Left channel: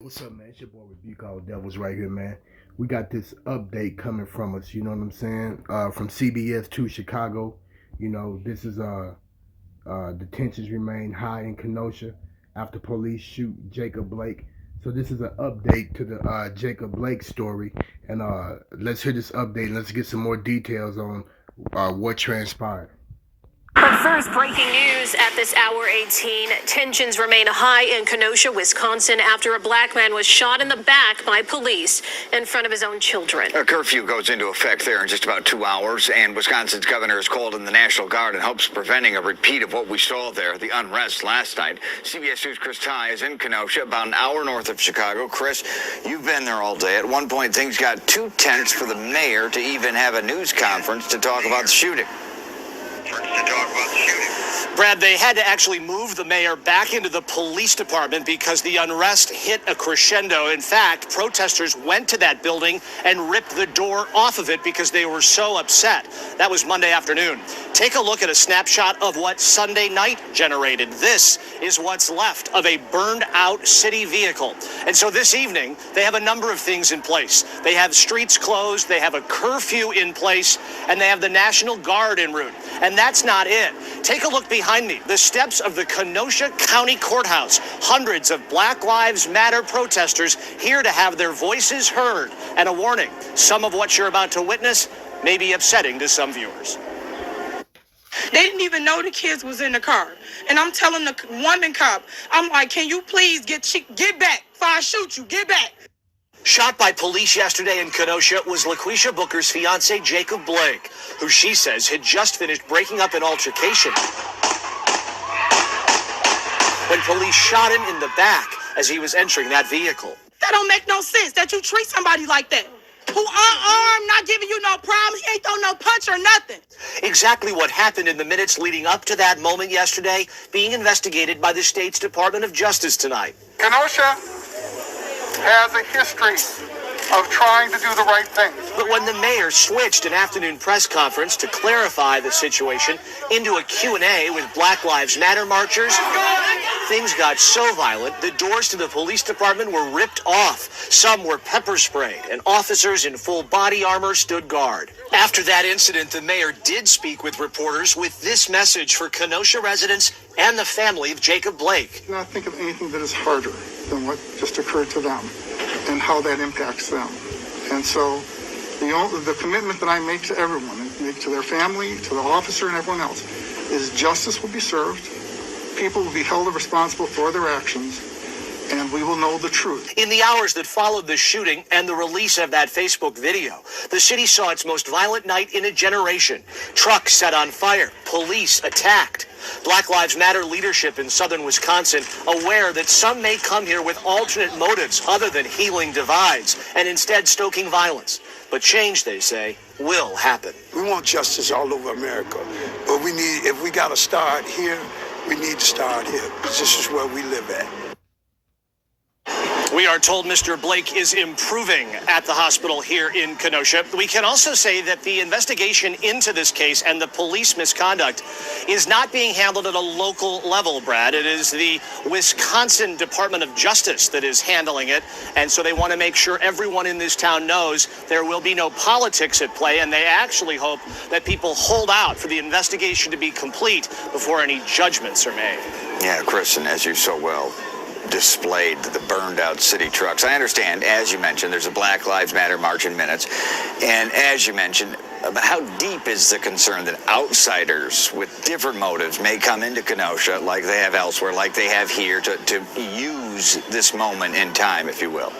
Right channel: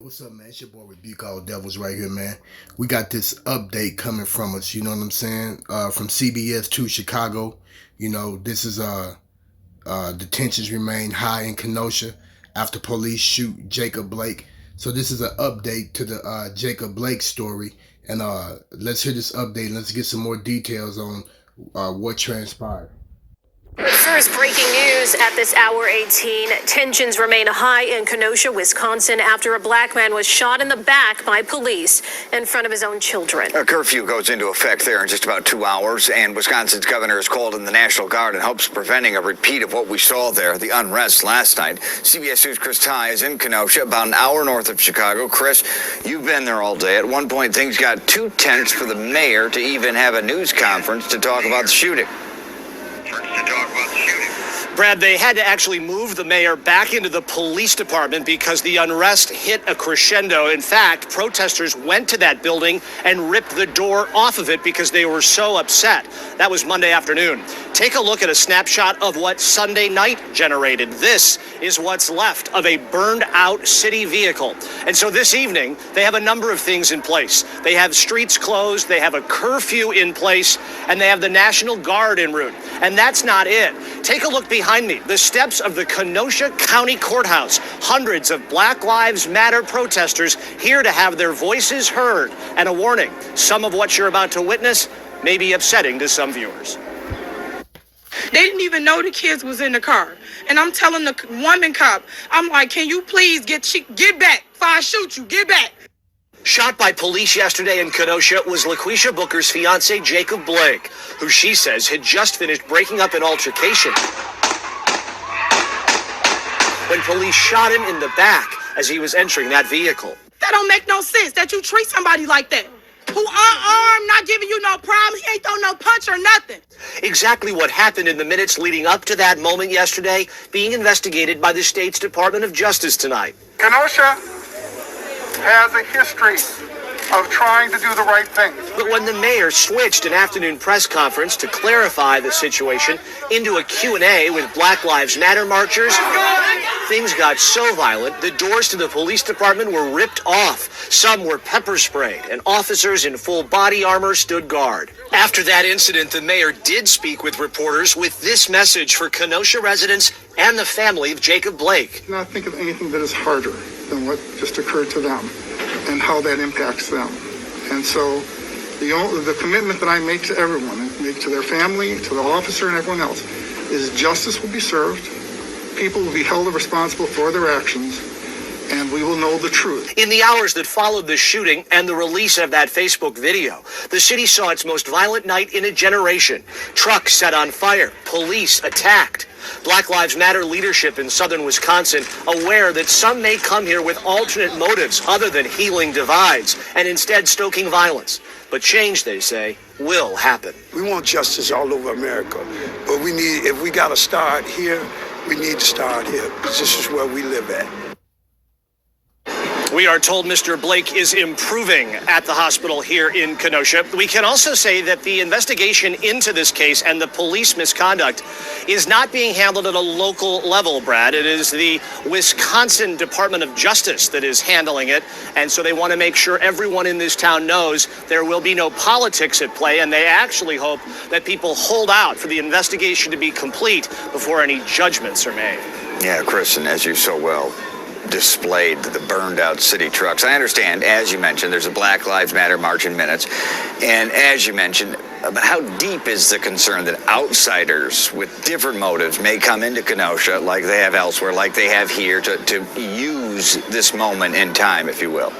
What's up, man? It's your boy Rebuke All Devils right here, man. We got this update coming from us, you know what I'm saying? From CBS to Chicago. You know, this is detentions remain high in Kenosha after police shoot Jacob Blake. So this is an update to the Jacob Blake story. And let's hear this update and let's get some more details on what transpired. But first, breaking news at this hour 18. Tensions remain high in Kenosha, Wisconsin, after a black man was shot in the back by police in front of his own children. A curfew goes into effect there in just about 2 hours, and Wisconsin's governor has called in the National Guard in hopes of preventing a repeat of what we saw there, the unrest last night. CBS News' Chris Tye is in Kenosha, about an hour north of Chicago. Chris, you've been there all day. At one point, things got too tense for the mayor to even have a news conference to talk about the shooting. Brad, they had to actually move the mayor back into the police department because the unrest hit a crescendo. In fact, protesters went to that building and ripped the door off of it because they were so upset. That was Monday afternoon. Take a look at a snapshot of what Sunday night generated. This is what's left of a burned out city vehicle. And so this evening, they have a number of things in place. They have streets closed, they have a curfew in place, and they have the National Guard en route. And that's not it. Take a look behind me, the steps of the Kenosha County Courthouse. Hundreds of Black Lives Matter protesters here to have their voices heard. And a warning, some of what you're about to witness may be upsetting to some viewers. They didn't even know the kids was in the car. And I'm telling the woman cop, I'm like, can you please get back before I shoot you, get back. Shot by police yesterday in Kenosha was Laquisha Booker's fiancé, Jacob Blake, who she says had just finished breaking up an altercation when police shot him in the back as he was entering that vehicle. That don't make no sense that you treat somebody like that. Who unarmed, not giving you no problem, he ain't throw no punch or nothing. Exactly what happened in the minutes leading up to that moment yesterday being investigated by the state's Department of Justice tonight. Kenosha has a history of trying to do the right thing. But when the mayor switched an afternoon press conference to clarify the situation into a Q&A with Black Lives Matter marchers, things got so violent, the doors to the police department were ripped off. Some were pepper sprayed, and officers in full body armor stood guard. After that incident, the mayor did speak with reporters with this message for Kenosha residents and the family of Jacob Blake. Not think of anything that is harder than what just occurred to them and how that impacts them. And so the commitment that I make to everyone, make to their family, to the officer and everyone else, is justice will be served, people will be held responsible for their actions, and we will know the truth. In the hours that followed the shooting and the release of that Facebook video, the city saw its most violent night in a generation. Trucks set on fire, police attacked. Black Lives Matter leadership in southern Wisconsin aware that some may come here with alternate motives other than healing divides and instead stoking violence. But change, they say, will happen. We want justice all over America, but if we got to start here, we need to start here because this is where we live at. We are told Mr. Blake is improving at the hospital here in Kenosha. We can also say that the investigation into this case and the police misconduct is not being handled at a local level, Brad. It is the Wisconsin Department of Justice that is handling it. And so they want to make sure everyone in this town knows there will be no politics at play. And they actually hope that people hold out for the investigation to be complete before any judgments are made. Yeah, Chris, and as you so well displayed the burned out city trucks. I understand, as you mentioned, there's a Black Lives Matter march in minutes. And as you mentioned, how deep is the concern that outsiders with different motives may come into Kenosha like they have elsewhere, like they have here, to use this moment in time, if you will?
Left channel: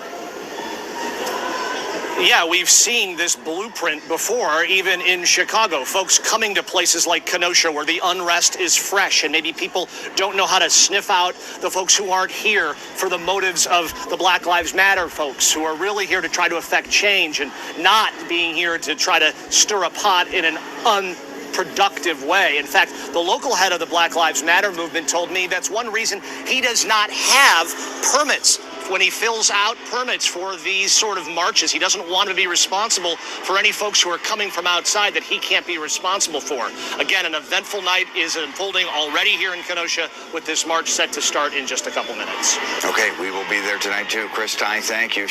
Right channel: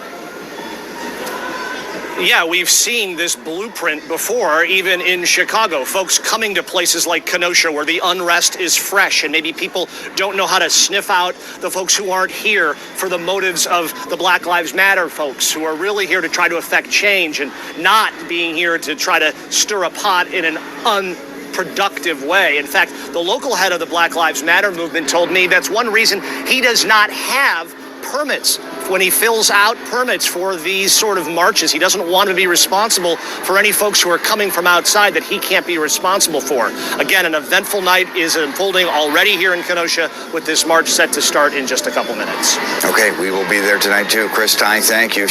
Yeah, we've seen this blueprint before, even in Chicago. Folks coming to places like Kenosha where the unrest is fresh and maybe people don't know how to sniff out the folks who aren't here for the motives of the Black Lives Matter folks who are really here to try to affect change and not being here to try to stir a pot in an unproductive way. In fact, the local head of the Black Lives Matter movement told me that's one reason he does not have permits when he fills out permits for these sort of marches. He doesn't want to be responsible for any folks who are coming from outside that he can't be responsible for. Again, an eventful night is unfolding already here in Kenosha, with this march set to start in just a couple minutes. Okay, we will be there tonight too. Chris Tye, thank you.